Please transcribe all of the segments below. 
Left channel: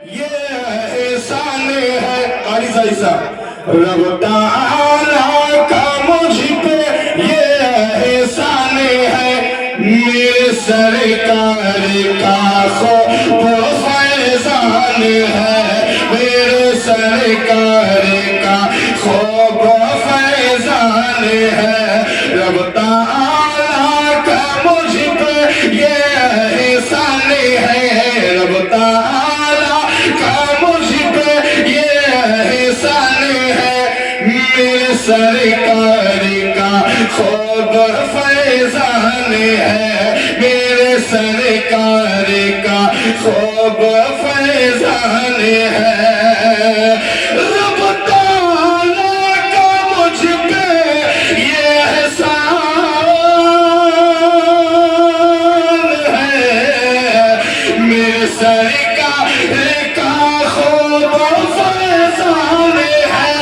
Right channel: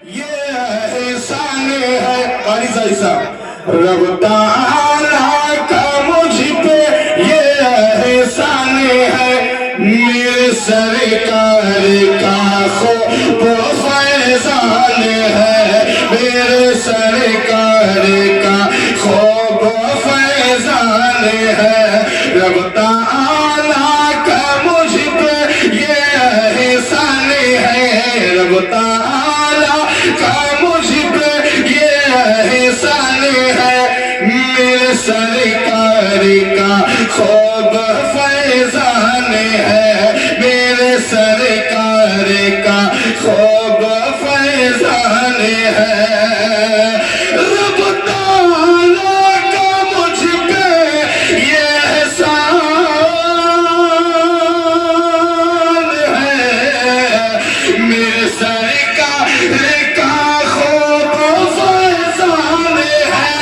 ये एहसान है कारी सा रब ताला का मुझ पे ये एहसान है मेरे सरकार का खूब फैज़ान है मेरे सरकार का खूब फैज़ान है रब ताला का मुझ पे ये एहसान है रब ताला का मुझ पे ये एहसान है मेरे सरकार का खूब फैज़ान है मेरे सरकार का खूब फैज़ान है रब ताला का मुझ पे ये एहसान है मेरे सरकार का खूब फैज़ान है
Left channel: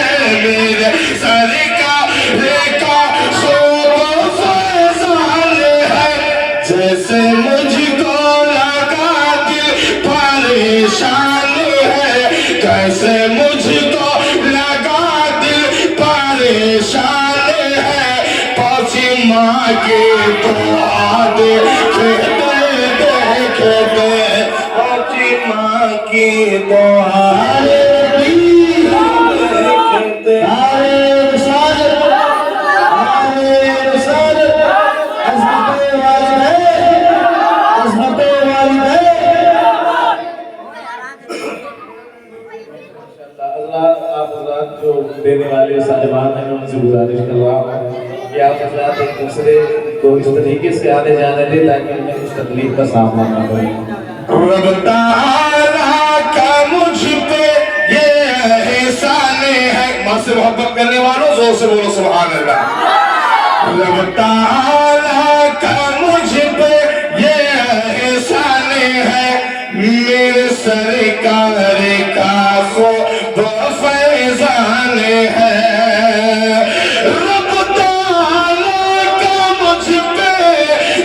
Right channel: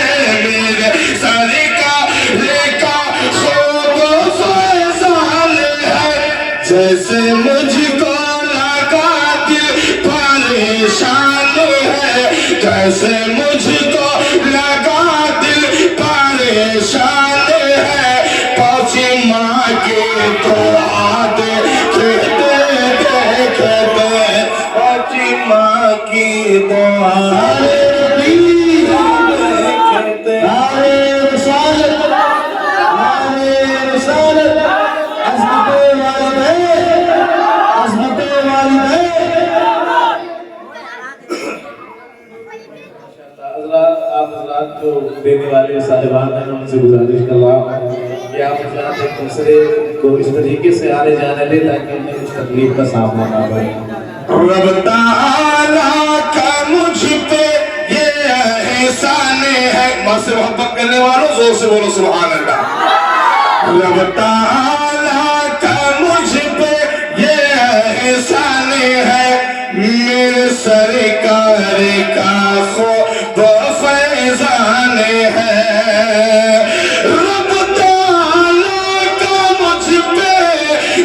मेरे सरकार का खूब फैज़ान है जैसे मुझको लगा दिल परेशान है जैसे मुझको लगा दिल परेशान है पहुंची माँ के तो देखते देखते पहुंची माँ की तो जो देने वाले साहिबान हैं उनसे गुजारिश कर रहा हूँ कि आप हज़रात एक दूसरे को इस तरीके से आने जाने दें ताकि उन्हें कुछ तकलीफ का सामना ना हो रब ताला का मुझ पे ये एहसान है मां से मोहब्बत करने वालों जोर से बोलो सुभान अल्लाह रब ताला का मुझ पे ये एहसान है मेरे सरकार का खूब फैज़ान है रब ताला का मुझ पे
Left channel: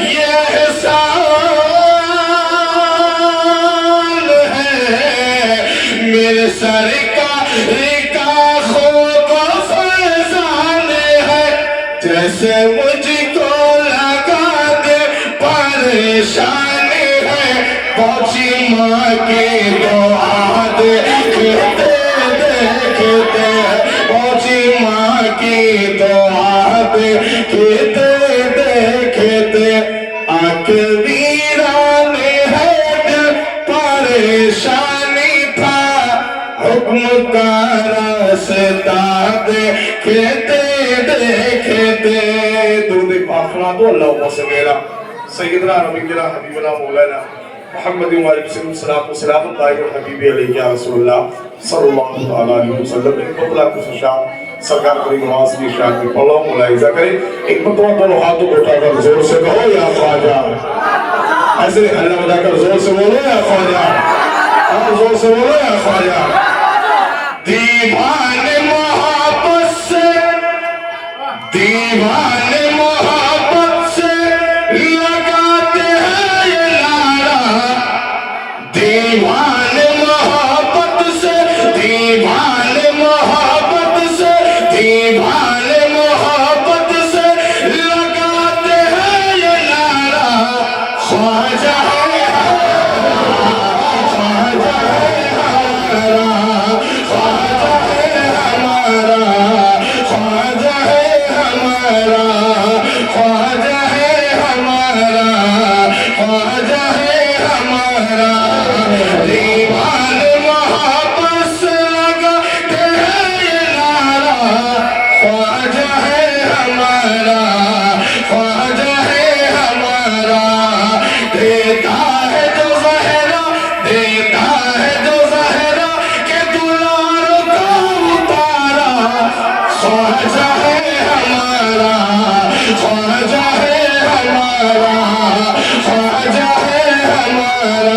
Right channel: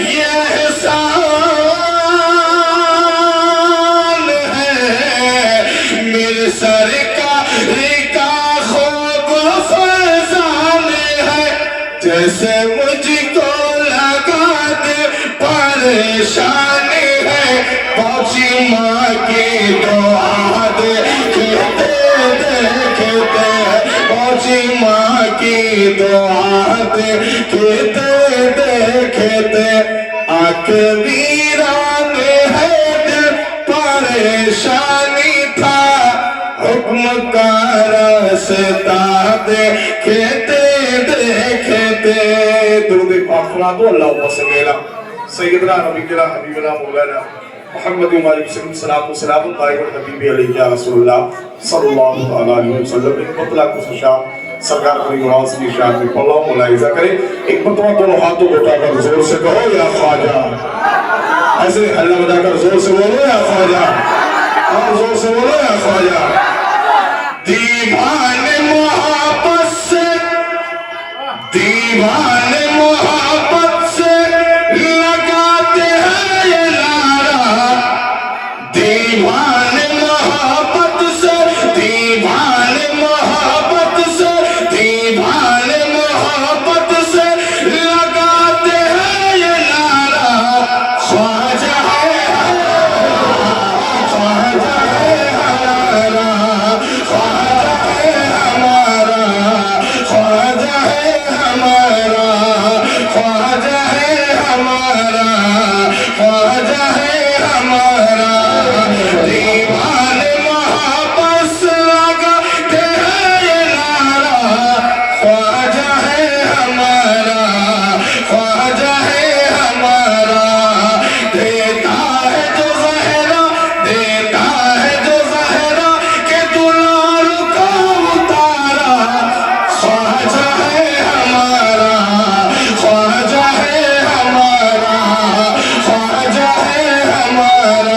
ये एहसान है मेरे सरकार का खूब फैज़ान है जैसे मुझको लगा दे परेशान है पहुंची माँ की दुआ देखते देखते पहुंची माँ की दुआ देखते देखते आके वीरान है दिल परेशानी था हुक्म का रास्ता देखते देखते दुरूद पाक सुना दो अल्लाहुम्मा सल्ली सैयदना नबीना हबीबना मौलाना मोहम्मद सल्लल्लाहु अलैहि वसल्लम एक बतला खुशा सरकार की नवाज की शान में पढ़ो मुलाहिजा करें एक बतला दोनों हाथों को उठाकर जोर से कहो या ख्वाजा ऐसे अल्लाह बताकर जोर से बोलो या ख्वाजा और जोर से बोलो या ख्वाजा दीवाने मोहब्बत से दीवाने मोहब्बत से लगाते हैं ये नारा दीवाने मोहब्बत से दीवाने मोहब्बत से दीवाने मोहब्बत से लगाते हैं ये नारा ख्वाजा है ख्वाजा है हमारा ख्वाजा है हमारा ख्वाजा है हमारा ख्वाजा है हमारा ख्वाजा है हमारा दीवाने मोहब्बत से लगाते हैं ये नारा ख्वाजा है हमारा ख्वाजा है हमारा देता है जो ज़हरा देता है जो ज़हरा के दुलार को उतारा ख्वाजा है हमारा ख्वाजा है हमारा ख्वाजा है हमारा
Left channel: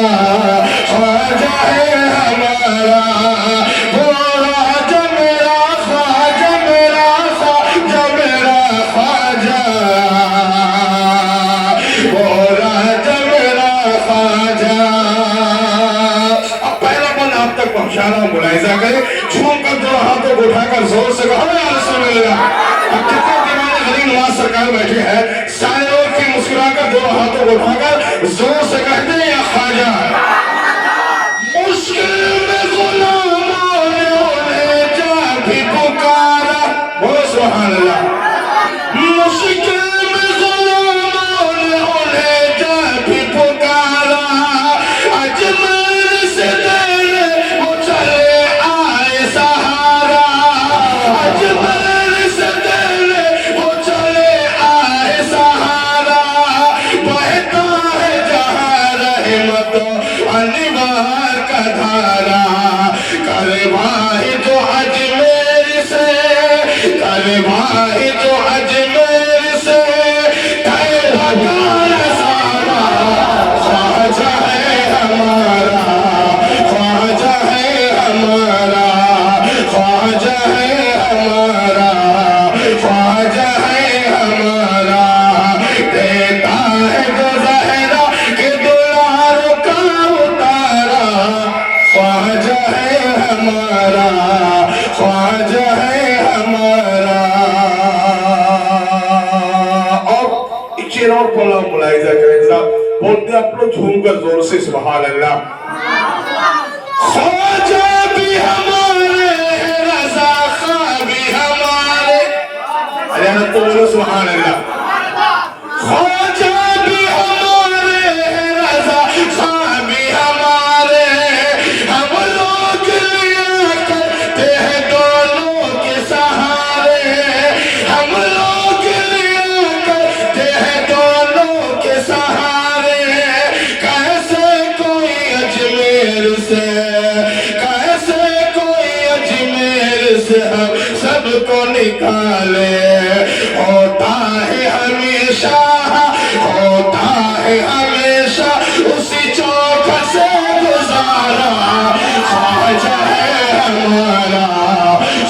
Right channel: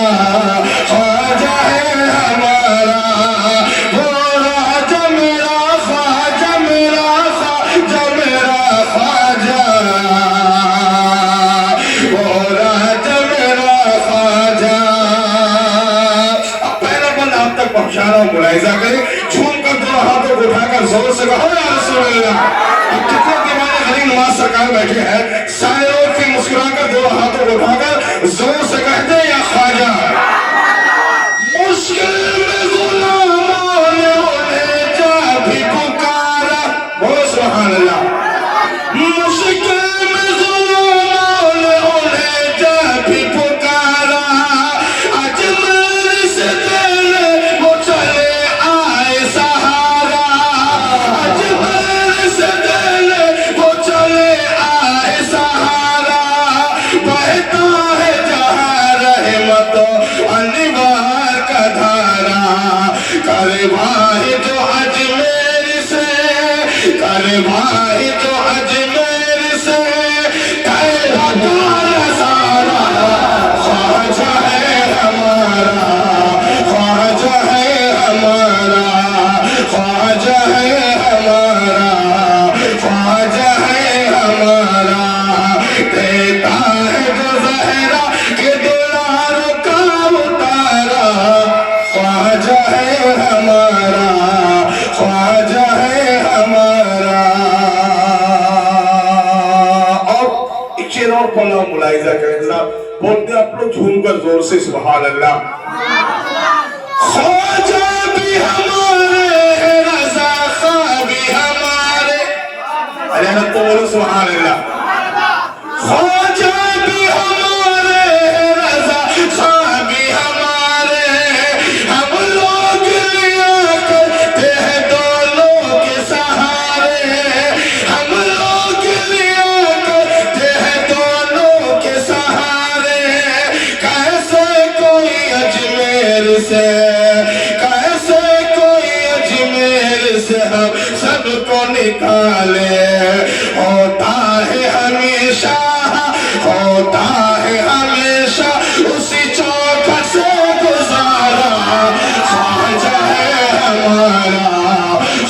शान और मुलाहिजा करें, झूम कर दो हाथों को उठाकर जोर से कहो या रसूल अल्लाह। अब कितने दीवाने गरीब नवाज सरकार बैठे हैं, सारे लोग फिर मुस्कुराकर दो हाथों को उठाकर जोर से कहते हैं या ख्वाजा। मुश्किल में गुलामों ने उन्हें जा भी पुकारा, बोलो सुभान अल्लाह। मुश्किल में गुलामों ने उन्हें जा भी पुकारा, अजमेर से तेरे वो चले आए सहारा, अजमेर से तेरे वो चले आए सहारा, बहता है जहाँ रहमतों अनवार का धारा, करे भाई जो अजमेर से, करे भाई जो अजमेर से, करे भगार सारा, ख्वाजा है हमारा, ख्वाजा है हमारा, ख्वाजा है हमारा, ख्वाजा है हमारा, देता है जो ज़हरा के दिलारों का उतारा, ख्वाजा है हमारा, ख्वाजा है हमारा। और एक शेर और पढ़ो मुलाहिजा करें जरा, बोलते हैं आप लोग झूमकर जोर से सुभान अल्लाह। ख्वाजा भी हमारे, रज़ा खां भी हमारे, अरे ना तो बोलो सुभान अल्लाह। ख्वाजा भी हमारे, रज़ा खां भी हमारे, हम लोग लिया करते हैं दोनों के सहारे, हम लोग लिया करते हैं दोनों के सहारे, कैसे कोई अजमेर से, कैसे कोई अजमेर से हम सबको निकाले, होता है हमेशा, होता है हमेशा उसी चौखट से गुजारा, ख्वाजा है हमारा,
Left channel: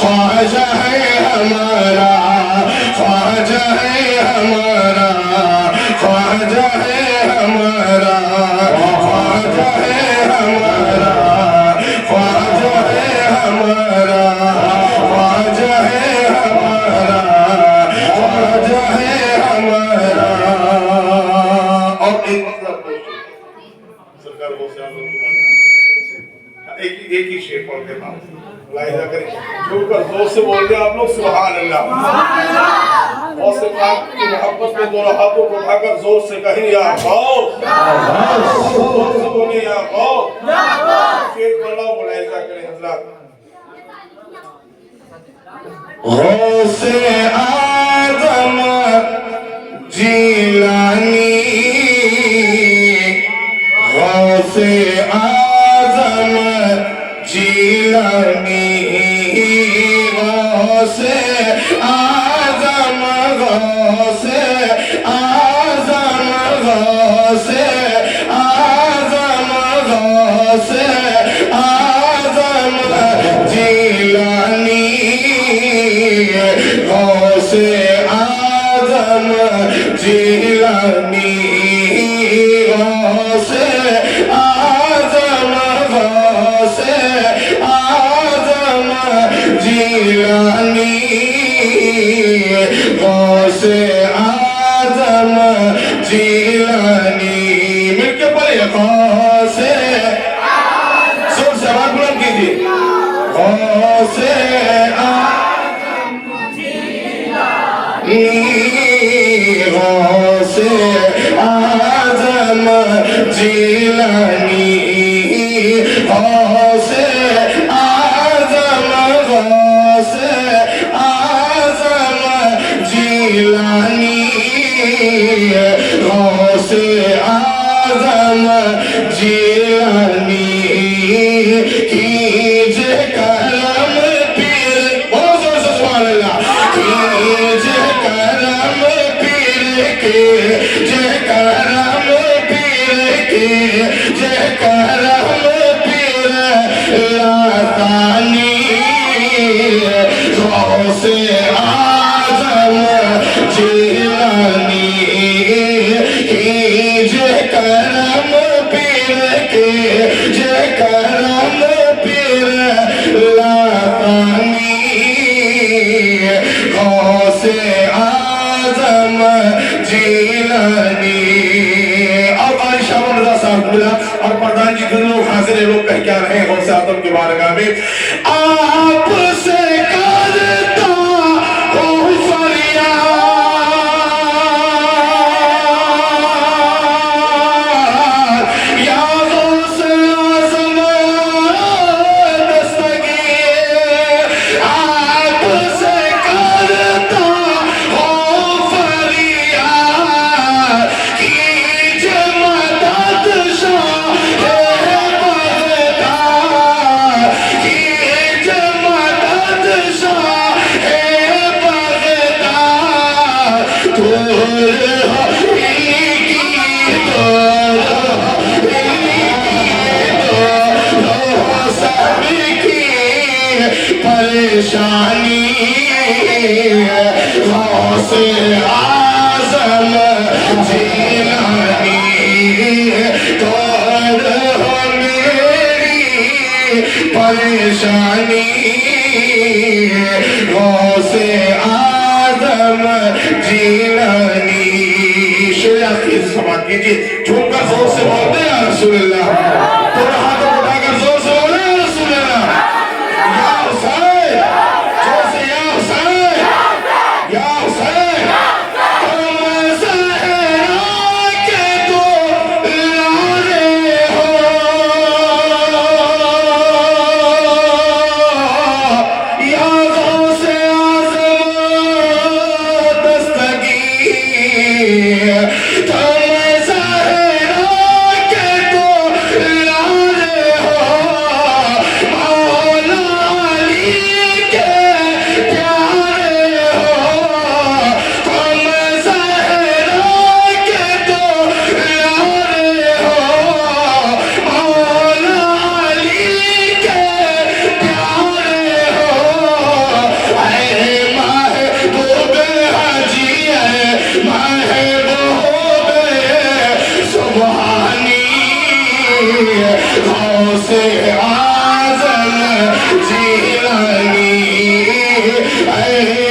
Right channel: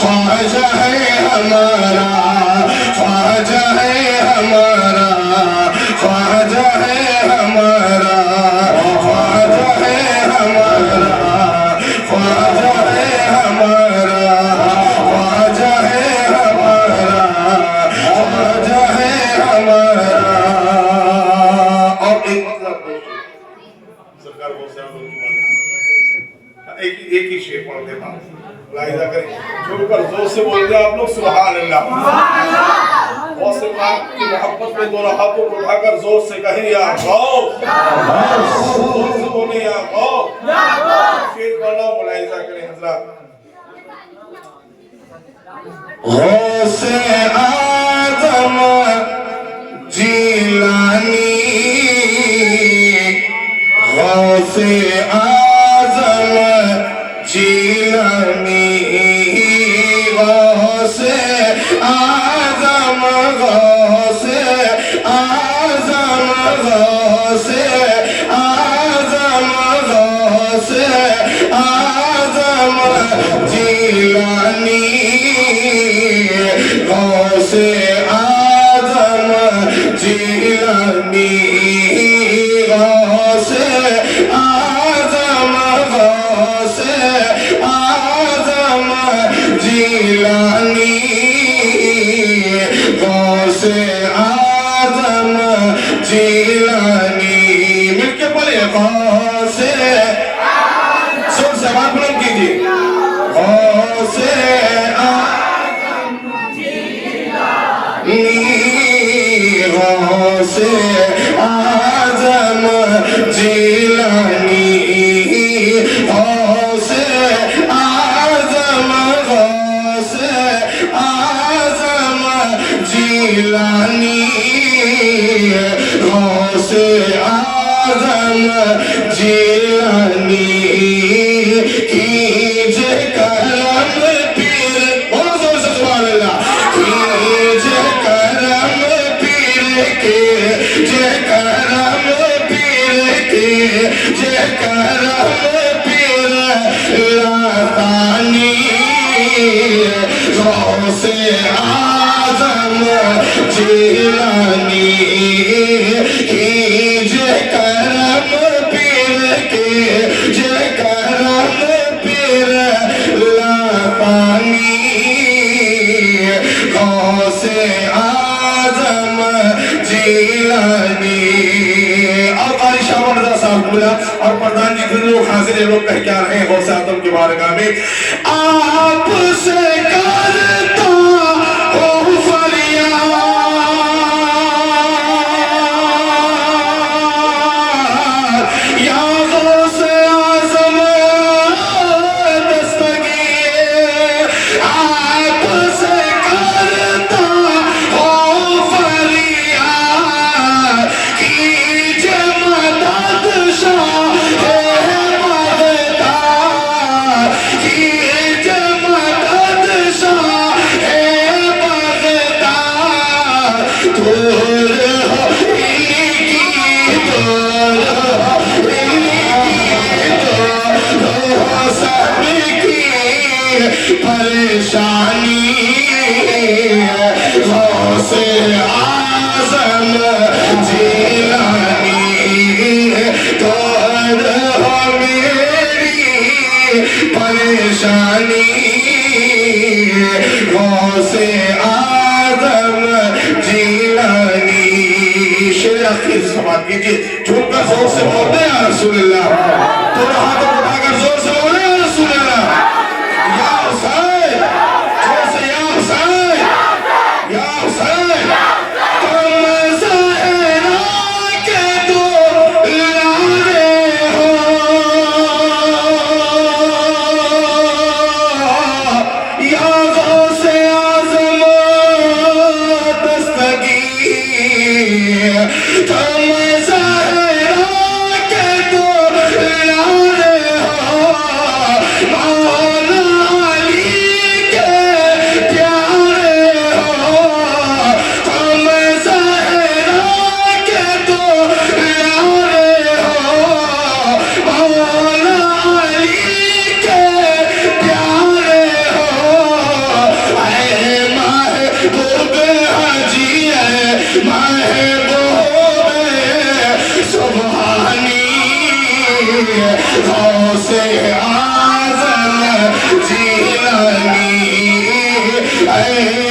ख्वाजा है हमारा, ख्वाजा है हमारा, ख्वाजा है हमारा, ख्वाजा है हमारा, ख्वाजा है हमारा, ख्वाजा है हमारा, ख्वाजा है हमारा। और सरकार को एक ही शेर पढ़ देना, मुलाहिजा करें, जो कर जोर से बोल दे आप लोग सुभान अल्लाह। और सरकार की मोहब्बत में दोनों हाथों को उठाकर जोर से कहें या गौस, जोर से बोले या गौस, शेर पढ़ो मुलाहिजा करें हजरत। गौसे आज़म जीलानी, गौसे आज़म जीलानी, गौसे आज़म, गौसे आज़म, गौसे आज़म, गौसे आज़म जीलानी, गौसे आज़म जीलानी, गौसे आज़म, गौसे आज़म जीलानी, गौसे आज़म जीलानी। मिलके पढ़िए, गौसे, सुन सवाल बुलंद कीजिए, गौसे गौसे आज़म जीलानी, गौसे आज़म, गौसे आज़म जीलानी, गौसे आज़म जीलानी, कीजिए करम पीर, बोलो जोर से सुभान अल्लाह, कीजिए करम पीर के, जय करम पीर के, जय करम पीर लातानी, गौसे आज़म जीलानी, कीजिए करम पीर के, जय करम पीर लोग हाजिर लोग कह क्या रहे हैं गौसे आजम के बारगाह में, आपसे करता हूँ फरियाद, या गौसे आजम दस्तगीर, आपसे करता हूँ फरियाद, कीजिए मदद शाह बगदाद, कीजिए मदद शाह बगदाद, दूर हो इनकी, दूर हो इनकी, दूर हो सबकी परेशानी, गौसे आजम जीलानी, दूर हो मेरी परेशानी, गौसे आजम जीलानी। शेर की समाप्त कीजिए, झूमकर जोर से बोलते हैं या रसूलुल्लाह, दोनों हाथों को उठाकर जोर से बोले या रसूलुल्लाह, या हुसैन, जोर से या हुसैन, या हुसैन, तुम ज़हरा के दुलारे हो, या गौसे आज़म दस्तगीर, तुम ज़हरा के दुलारे हो, मौला अली के प्यारे हो, तुम ज़हरा के दुलारे हो, मौला अली के प्यारे हो, ऐ महबूब हाजी, ऐ महबूब सुभानी, गौसे आज़म जीलानी, ऐ